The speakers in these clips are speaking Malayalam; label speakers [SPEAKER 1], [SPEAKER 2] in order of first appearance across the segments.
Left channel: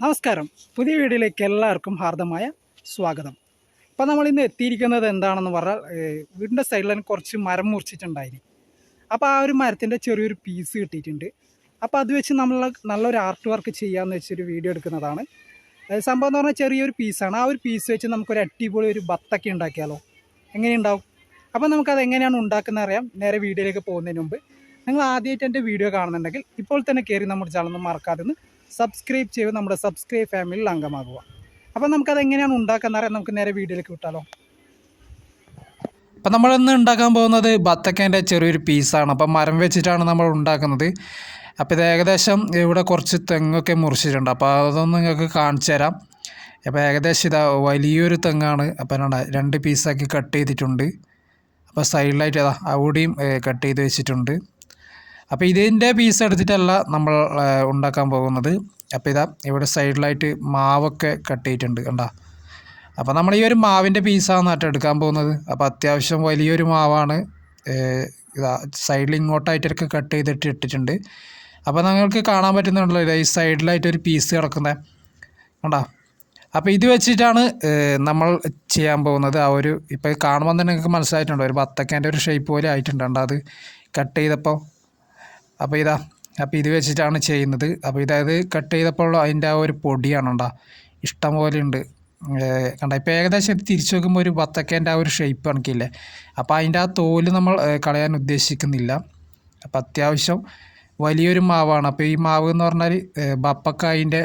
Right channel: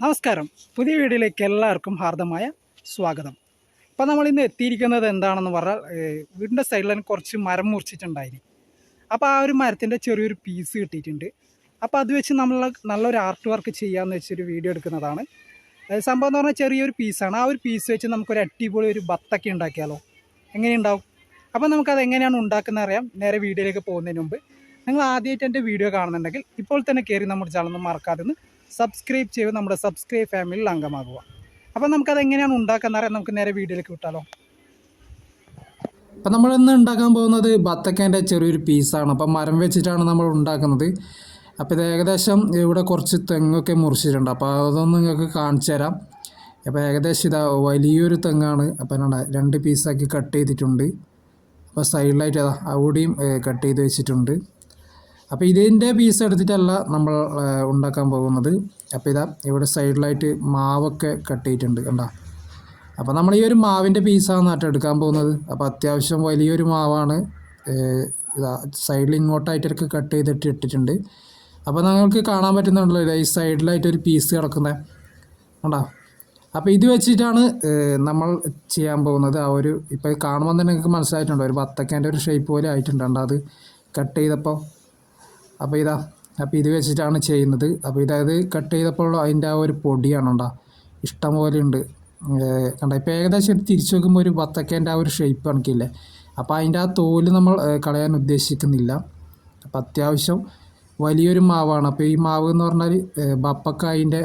[SPEAKER 1] നമസ്കാരം. പുതിയ വീഡിയോയിലേക്ക് എല്ലാവർക്കും ഹാർദമായ സ്വാഗതം. ഇപ്പം നമ്മൾ ഇന്ന് എത്തിയിരിക്കുന്നത് എന്താണെന്ന് പറഞ്ഞാൽ വീടിന്റെ സൈഡിൽ തന്നെ കുറച്ച് മരം മുറിച്ചിട്ടുണ്ടായിരുന്നു അപ്പോൾ ആ ഒരു മരത്തിന്റെ ചെറിയൊരു പീസ് കിട്ടിയിട്ടുണ്ട്. അപ്പോൾ അത് വെച്ച് നമ്മൾ നല്ലൊരു ആർട്ട് വർക്ക് ചെയ്യാമെന്ന് വെച്ചൊരു വീഡിയോ എടുക്കുന്നതാണ്. സംഭവം എന്ന് പറഞ്ഞാൽ ചെറിയൊരു പീസാണ് ആ ഒരു പീസ് വെച്ച് നമുക്കൊരു അടിപൊളി ഒരു ബത്തൊക്കെ ഉണ്ടാക്കിയാലോ? എങ്ങനെയുണ്ടാവും? അപ്പോൾ നമുക്കത് എങ്ങനെയാണ് ഉണ്ടാക്കുന്നത് അറിയാം. നേരെ വീഡിയോയിലേക്ക് പോകുന്നതിന് മുമ്പ്. നിങ്ങൾ ആദ്യമായിട്ട് എന്റെ വീഡിയോ കാണുന്നുണ്ടെങ്കിൽ ഇപ്പോൾ തന്നെ കയറി നമ്മുടെ ചാനൽ ഒന്ന് മറക്കാതെ സബ്സ്ക്രൈബ് ചെയ്ത് നമ്മുടെ സബ്സ്ക്രൈബ് ഫാമിലിയിൽ അംഗമാകുക. അപ്പോൾ നമുക്കത് എങ്ങനെയാണ് ഉണ്ടാക്കുന്നത് നമുക്ക് നേരെ വീഡിയോയിലേക്ക് വിട്ടാലോ? അപ്പം നമ്മളിന്ന് ഉണ്ടാക്കാൻ പോകുന്നത് ബത്തക്കേന്റെ ചെറിയൊരു പീസാണ് അപ്പം മരം വെച്ചിട്ടാണ് നമ്മൾ ഉണ്ടാക്കുന്നത്. അപ്പോൾ ഇത് ഏകദേശം ഇവിടെ കുറച്ച് തെങ്ങൊക്കെ മുറിച്ചിട്ടുണ്ട്. അപ്പോൾ അതൊന്നും നിങ്ങൾക്ക് കാണിച്ചു തരാം. അപ്പോൾ ഏകദേശം ഇതാ വലിയൊരു തെങ്ങാണ്. അപ്പം കണ്ടോ, രണ്ട് പീസാക്കി കട്ട് ചെയ്തിട്ടുണ്ട്. അപ്പോൾ സൈഡിലായിട്ട് അതാ അവിടെയും കട്ട് ചെയ്ത് വെച്ചിട്ടുണ്ട്. അപ്പോൾ ഇതിന്റെ പീസ് എടുത്തിട്ടല്ല നമ്മൾ ഉണ്ടാക്കാൻ പോകുന്നത്. അപ്പോൾ ഇതാ ഇവിടെ സൈഡിലായിട്ട് മാവൊക്കെ കട്ട് ചെയ്തിട്ടുണ്ട് കണ്ടോ? അപ്പോൾ നമ്മൾ ഈ ഒരു മാവിന്റെ പീസാണ് കേട്ടോ എടുക്കാൻ പോകുന്നത്. അപ്പോൾ അത്യാവശ്യം വലിയൊരു മാവാണ് ഇതാ സൈഡിൽ ഇങ്ങോട്ടായിട്ടൊക്കെ കട്ട് ചെയ്തിട്ട് ഇട്ടിട്ടുണ്ട്. അപ്പോൾ നിങ്ങൾക്ക് കാണാൻ പറ്റുന്നുണ്ടല്ലോ ഈ സൈഡിലായിട്ട് ഒരു പീസ് കിടക്കുന്നത് കണ്ടോ? അപ്പോൾ ഇത് വെച്ചിട്ടാണ് നമ്മൾ ചെയ്യാൻ പോകുന്നത്. ആ ഒരു ഇപ്പോൾ കാണുമ്പോൾ തന്നെ നിങ്ങൾക്ക് മനസ്സിലായിട്ടുണ്ടോ? ഒരു ബത്തക്കേന്റെ ഒരു ഷേപ്പ് പോലെ ആയിട്ടുണ്ട് അത്? കട്ട് ചെയ്തപ്പോൾ അപ്പോൾ ഇതാ അപ്പോൾ ഇത് വെച്ചിട്ടാണ് ചെയ്യുന്നത്. അപ്പോൾ ഇതായത് കട്ട് ചെയ്തപ്പോൾ അതിന്റെ ആ ഒരു പൊടിയാണ് ഉണ്ടാ ഇഷ്ടം പോലെ ഉണ്ട്. കണ്ട? ഇപ്പോൾ ഏകദേശം തിരിച്ചു നോക്കുമ്പോൾ ഒരു വത്തക്കേന്റെ ആ ഒരു ഷേപ്പ് കണക്കില്ലേ? അപ്പോൾ അതിന്റെ ആ തോൽ നമ്മൾ കളയാൻ ഉദ്ദേശിക്കുന്നില്ല. അപ്പോൾ അത്യാവശ്യം വലിയൊരു മാവാണ്. അപ്പോൾ ഈ മാവ് എന്ന് പറഞ്ഞാൽ ബപ്പക്കായിന്റെ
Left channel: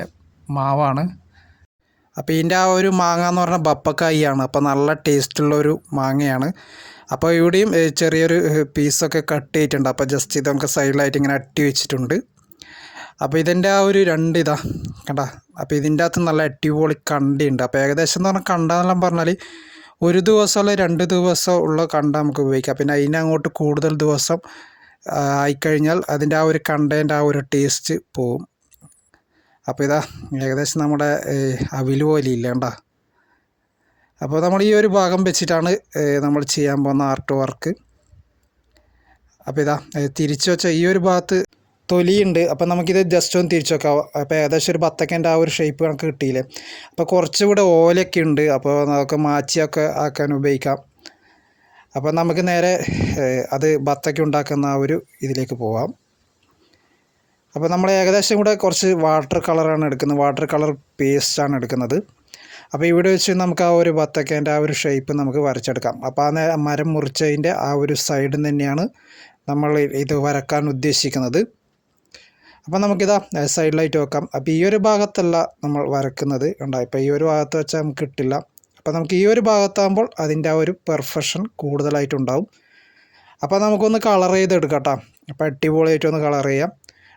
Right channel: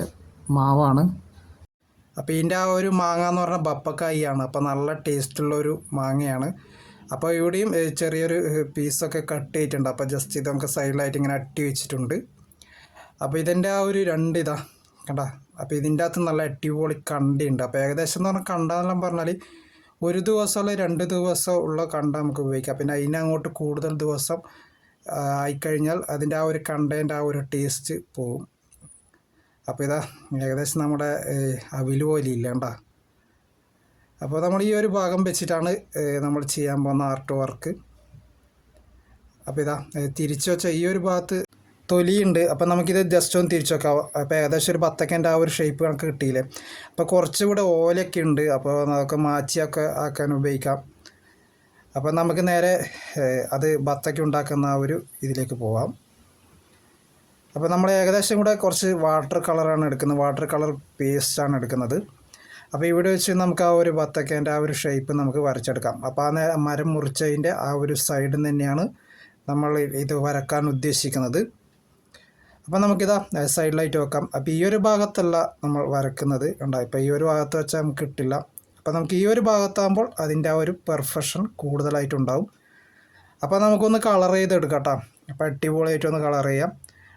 [SPEAKER 1] മാവാണ്. അപ്പോൾ ഇതിന്റെ ആ ഒരു മാങ്ങ എന്ന് പറഞ്ഞാൽ ബപ്പക്കായിയാണ്. അപ്പോൾ നല്ല ടേസ്റ്റുള്ള ഒരു മാങ്ങയാണ്. അപ്പോൾ ഇവിടെയും ചെറിയൊരു പീസൊക്കെ കട്ട് ചെയ്തിട്ടുണ്ട്. അപ്പോൾ ജസ്റ്റ് ഇത് നമുക്ക് സൈഡിലായിട്ട് ഇങ്ങനെ അട്ടി വെച്ചിട്ടുണ്ട്. അപ്പോൾ ഇതിന്റെ ആ ഒരു രണ്ട് ഇതാ കണ്ട? അപ്പോൾ ഇതിന്റെ അകത്ത് നല്ല അടിപൊളി കണ്ടിയുണ്ട് അപ്പോൾ ഏകദേശം എന്ന് പറഞ്ഞാൽ കണ്ടെന്നെല്ലാം പറഞ്ഞാൽ ഒരു ദിവസമുള്ള രണ്ട് ദിവസം ഉള്ള കണ്ട നമുക്ക് ഉപയോഗിക്കാം. പിന്നെ അതിന് അങ്ങോട്ട് കൂടുതൽ ദിവസം ആയിക്കഴിഞ്ഞാൽ അതിന്റെ ആ ഒരു കണ്ടേന്റെ ആ ഒരു ടേസ്റ്റ് പോവും. അപ്പോൾ ഇതാ ഏകദേശം നമ്മുടെ അവിൽ പോലെ ഇല്ല അപ്പോൾ നമ്മൾ ഈ ഒരു ഭാഗം വെച്ചിട്ടാണ് നമ്മൾ ചെയ്യാൻ പോകുന്ന ആർട്ട് വർക്ക് അപ്പോൾ ഇതാ തിരിച്ചു വെച്ച ഈ ഒരു ഭാഗത്ത് തൊലിയുണ്ട്. അപ്പോൾ നമുക്കിത് ജസ്റ്റ് ഒന്ന് തിരിച്ചു വെക്കാം. അപ്പോൾ ഏകദേശം ഒരു ബത്തക്കന്റെ ആ ഒരു ഷേപ്പ് കണക്ക് കിട്ടിയില്ലേ? അപ്പോൾ കുറച്ചുകൂടെ ഓലയൊക്കെ ഉണ്ട്. അപ്പോൾ നമുക്ക് മാച്ചിയൊക്കെ ആക്കാൻ ഉപയോഗിക്കാം. അപ്പോൾ നമുക്ക് നേരെ അത് ബത്തക്ക ഉണ്ടാക്കുന്ന ആ ഒരു ഇതിലേക്ക് പോവാം. അപ്പോൾ നമ്മൾ ഏകദേശം കൂടെ കുറച്ച് വാട്ടർ കളറാണ് എടുക്കുന്നത്. വാട്ടർ കളർ പേസ്റ്റാണ് എടുക്കുന്നത്. അപ്പോൾ ഇവിടെ വെച്ച് നമുക്ക് ആ ഒരു ബത്തക്കേന്റെ ആ ഒരു ഷേപ്പ് നമുക്ക് വരച്ചെടുക്കാം. അപ്പോൾ ആ മരം മുറിച്ചതിന്റെ ആ ഒരു സൈഡിൽ തന്നെയാണ് നമ്മൾ ഇത് വരക്കാൻ ഉദ്ദേശിക്കുന്നത്. അപ്പോൾ നമുക്കിതാ സൈഡിലായിട്ട് വെക്കാം. അപ്പോൾ ഈ ഒരു ഭാഗത്തല്ല നമ്മൾ വരക്കുന്നത്. ഉണ്ടായി ഇപ്പോൾ ഈ ഒരു ഭാഗത്ത് വെച്ചാൽ നമുക്ക് കിട്ടില്ല. അപ്പോൾ നമുക്ക് ഈ ഒരു ഭാഗത്താകുമ്പോൾ അതിന്റെ ആ ഒരു പെർഫെക്ഷൻ കൂടുതലായിട്ടുണ്ടാവും. അപ്പോൾ നമുക്കൊന്ന് കളർ ചെയ്തെടുക്കാം അപ്പോൾ അടിപൊളിയായിട്ടൊന്ന് കളർ ചെയ്യാം.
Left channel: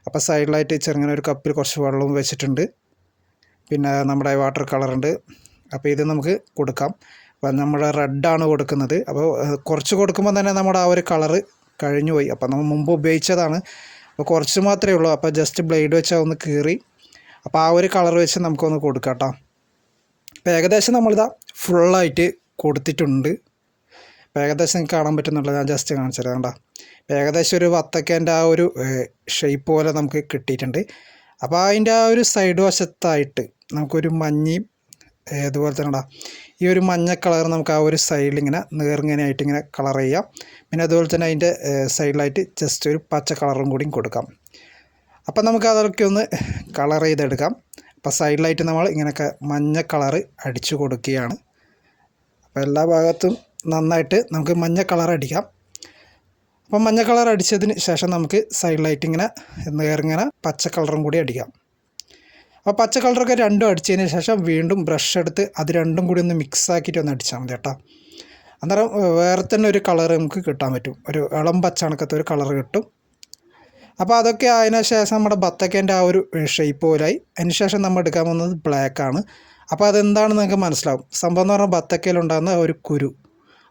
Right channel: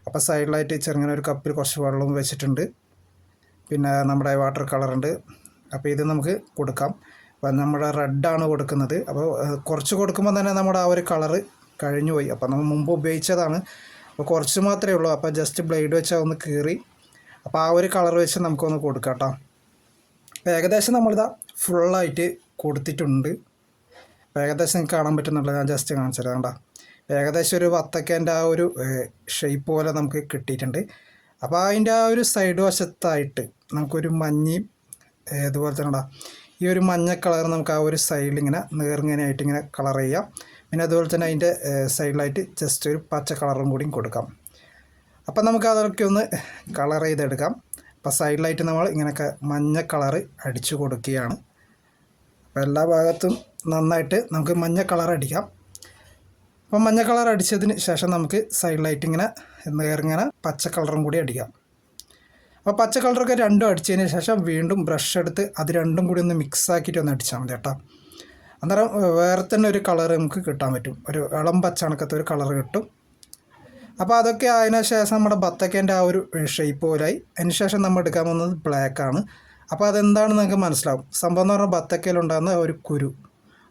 [SPEAKER 1] അപ്പോൾ സൈഡിലായിട്ട് ചെറുങ്ങനെ ഒരു കപ്പിൽ കുറച്ച് വെള്ളവും വെച്ചിട്ടുണ്ട്. പിന്നെ നമ്മുടെ വാട്ടർ കളറുണ്ട് അപ്പോൾ ഇത് നമുക്ക് കൊടുക്കാം. അപ്പം നമ്മുടെ റെഡാണ് കൊടുക്കുന്നത്. അപ്പോൾ കുറച്ച് കൊടുക്കുമ്പോൾ തന്നെ നമ്മുടെ ആ ഒരു കളറ് കഴിഞ്ഞു പോയി. അപ്പോൾ നമ്മൾ മുമ്പ് ഉപയോഗിച്ചതാണ്. അപ്പോൾ കുറച്ച് മാത്രമേ ഉള്ളൂ. അപ്പോൾ ജസ്റ്റ് ബ്ലേഡ് വെച്ചാൽ ഒന്ന് കീറി. അപ്പോൾ ആ ഒരു കളർ വെച്ച് നമുക്കൊന്ന് കൊടുക്കാം കേട്ടോ അപ്പോൾ ഏകദേശം നമ്മളിതാ ഫുള്ളായിട്ട് കൊടുത്തിട്ടുണ്ട്. അപ്പോൾ ഏകദേശം നിങ്ങൾക്ക് കാണാൻ പറ്റുന്നുള്ളത് ഞാൻ ജസ്റ്റ് കാണിച്ചത് കണ്ടോ. ഏകദേശം ഒരു വത്തക്കേന്റെ ആ ഒരു ഷേപ്പ് പോലെ നമുക്ക് കിട്ടിയിട്ടുണ്ട്. അപ്പോൾ അതിന്റെ ആ ഒരു സൈഡ് വശത്തായിട്ട് നമുക്കൊരു മഞ്ഞയും ഏ, തന്നെടാ. ഈ ഒരു മഞ്ഞ കളർ നമുക്ക് ആ ഒരു സൈഡിൽ ഇങ്ങനെ നേർങ്ങനെയായിട്ട് ഇങ്ങനെ കളർ ചെയ്യാം. പിന്നെ അതുപോലെ തന്നെ അതിന്റെ സൈഡിലായിട്ട് ജസ്റ്റ് ഒരു പച്ച കളറും കൂടിയും കൊടുക്കാം. അപ്പം നമുക്ക് അതൊക്കെ ഒന്ന് കളർ ചെയ്തെടുക്കാം. അപ്പോൾ സൈഡിലായിട്ട് നമ്മൾ ഇങ്ങനെയൊക്കെ മഞ്ഞ കളർ അടിച്ചു കൊടുക്കുകയാണ്. അപ്പോൾ എല്ലാ ഭാഗത്തും നന്നായിട്ട് നമുക്ക് മഞ്ഞ കളർ അടിക്കാം. അപ്പം മഞ്ഞ കളർ അടിച്ചതിന് ശേഷം നമുക്ക് സൈഡിലായിട്ട് ഇങ്ങനെ നേർങ്ങനെ പച്ച കളറും കൂടി അടിക്കാം. അപ്പോൾ പച്ച കളറൊക്കെ രണ്ടും അടിച്ചതിന് ശേഷം വീണ്ടും ബ്രഷ് എടുത്ത് അത് രണ്ടും കൂടി ഒന്ന് മിക്സ് ആക്കിയിട്ട് ഒന്ന് അടിച്ചാൽ മതി കേട്ടോ. അന്നേരം വേറെ തന്നെ ഒരു കളർ നമുക്ക് കിട്ടാൻ പറ്റും. ഒരു ഇളം പച്ച കണക്കത്തെ ഒരു കളർ കിട്ടും. അപ്പോൾ അതൊക്കെ അതിന് ശേഷം നമ്മുടെ ബത്തക്കേന്റെ ആ ഒരു ഷേപ്പ് പോലായി. അതിന് ശേഷം നമ്മൾ എടുക്കാൻ പോകുന്നത് ബ്ലാക്ക് ആണ്. അപ്പോൾ അതെന്താണെന്ന് നിങ്ങൾക്ക് മനസ്സിലാവും. സംഭവം എന്ന് പറഞ്ഞാൽ ബത്തക്കയിലുണ്ടാകുന്ന ഒരു കുരു.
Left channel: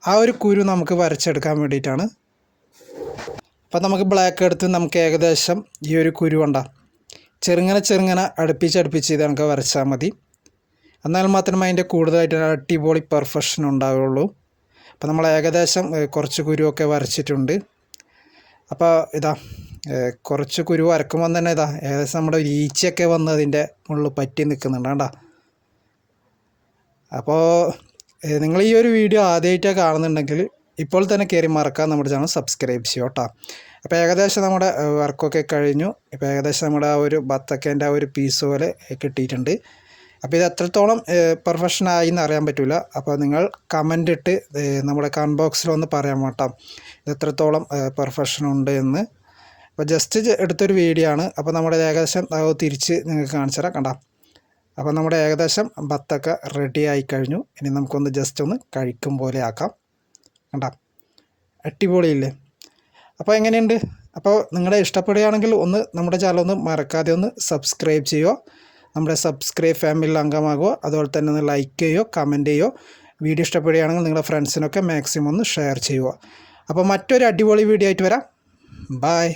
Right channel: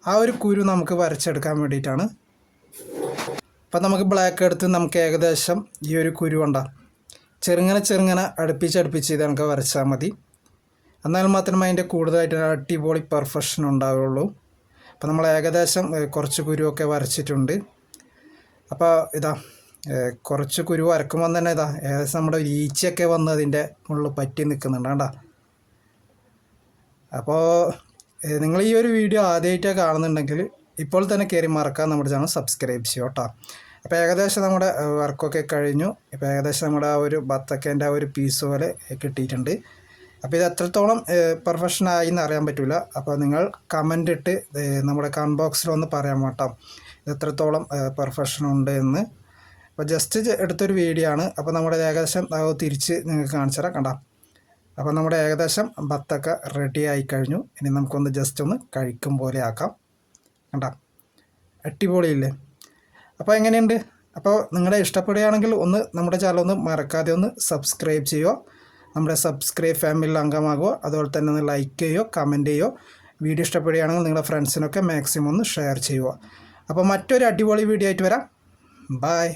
[SPEAKER 1] ആ ഒരു കുരു നമുക്ക് വരച്ചെടുക്കാൻ വേണ്ടിയിട്ടാണ്. അപ്പോൾ നമുക്ക് ബ്ലാക്ക് എടുത്ത് നമുക്ക് ഏകദേശം ഈ ഒരു കുരു കൊണ്ട. ചെറുങ്ങനെ ചെറുങ്ങനെ അടുപ്പിച്ച് അടുപ്പിച്ച് ഇത് നമുക്ക് വരച്ചാൽ മതി. എന്നാൽ മാത്രമേ അതിന്റെ കൂടുതലായിട്ട് അടിപൊളി പെർഫെക്ഷൻ ഉണ്ടാവുകയുള്ളൂ. അപ്പോൾ നമ്മൾ ഏകദേശം കുറച്ച് കുരുവൊക്കെ വരച്ചിട്ടുണ്ട്. അപ്പോൾ ഇതാ കുറച്ച് കുരു വരക്കുമ്പോൾ തന്നെ ഇതാ ഏകദേശം നമ്മുടെ ഒരു ഈച്ചയൊക്കെ വന്ന് അതിന്റെ മുകളിൽ പറ്റി നിൽക്കുന്നുണ്ട് കേട്ടോ അപ്പോൾ നിങ്ങൾ ഈ ഒരു വീഡിയോ ആദ്യമായിട്ടാണ് കാണുന്നുണ്ടെങ്കിൽ ഇപ്പോൾ തന്നെ കയറി മറക്കാൻ നമ്മുടെ ചാനൽ സബ്സ്ക്രൈബ് ചെയ്യും കേട്ടോ. അപ്പോൾ ഏകദേശം നമ്മുടെ വർക്കൊക്കെ കഴിഞ്ഞു. ഇപ്പോൾ ഏകദേശം നമ്മുടെ ആ ഒരു ബത്തക്കേന്റെ ആ ഒരു പീസ് പോലെ കിട്ടിയിട്ടുണ്ട്. അപ്പോൾ ഇത് എത്രത്തോളം പെർഫെക്ഷൻ ആയി എന്ന് അറിയാൻ പറ്റില്ല അപ്പോൾ നിങ്ങൾ കമന്റ് ഇട്ട് നമ്മുടെ കമന്റ് ബോക്സിലൊന്ന് പറയാൻ കേട്ടോ ഇത് എത്രത്തോളം പെർഫെക്ഷൻ ഉണ്ട് എന്ന്. അപ്പോൾ ജസ്റ്റ് എടുത്തൊരു വീഡിയോ ആണ്. അപ്പോൾ നമ്മുടെ ഏകദേശം തിരിച്ച് നിങ്ങൾക്ക് കാണിച്ചു തരാം. കണ്ട? അപ്പോൾ നമ്മുടെ ഏകദേശം ബത്തക്ക റെഡി ആയി കഴിഞ്ഞു. ഇനി നമുക്കൊന്ന് ജസ്റ്റ് ഒന്ന് കഴിക്കും പോലെ ആക്കാം. കണ്ട? അടിപൊളിയില്ലേ? അപ്പോൾ എങ്ങനെയുണ്ട്? അപ്പോൾ നിങ്ങളെ ഇഷ്ടപ്പെടുകയാണെങ്കിൽ ഒന്ന് നമ്മുടെ ചാനൽ ഒന്ന് മറക്കാതെ ഒന്ന് സബ്സ്ക്രൈബ് ചെയ്യുക. നമ്മുടെ സബ്സ്ക്രൈബ് ഫാമിലിയിൽ അംഗമാകുക. അതുപോലെ തന്നെ ഒന്ന് ലൈക്ക് ചെയ്യുക കമന്റ് ചെയ്യുക. വീഡിയോ ഇഷ്ടപ്പെടുകയാണെങ്കിൽ നിങ്ങളുടെ ഫ്രണ്ട്സിനൊക്കെ മാക്സിമം ഒന്ന് ഷെയർ ചെയ്യുക. അപ്പോൾ മറ്റൊരു അടിപൊളി വീഡിയോ ആയിട്ട് വരാം. ബായ്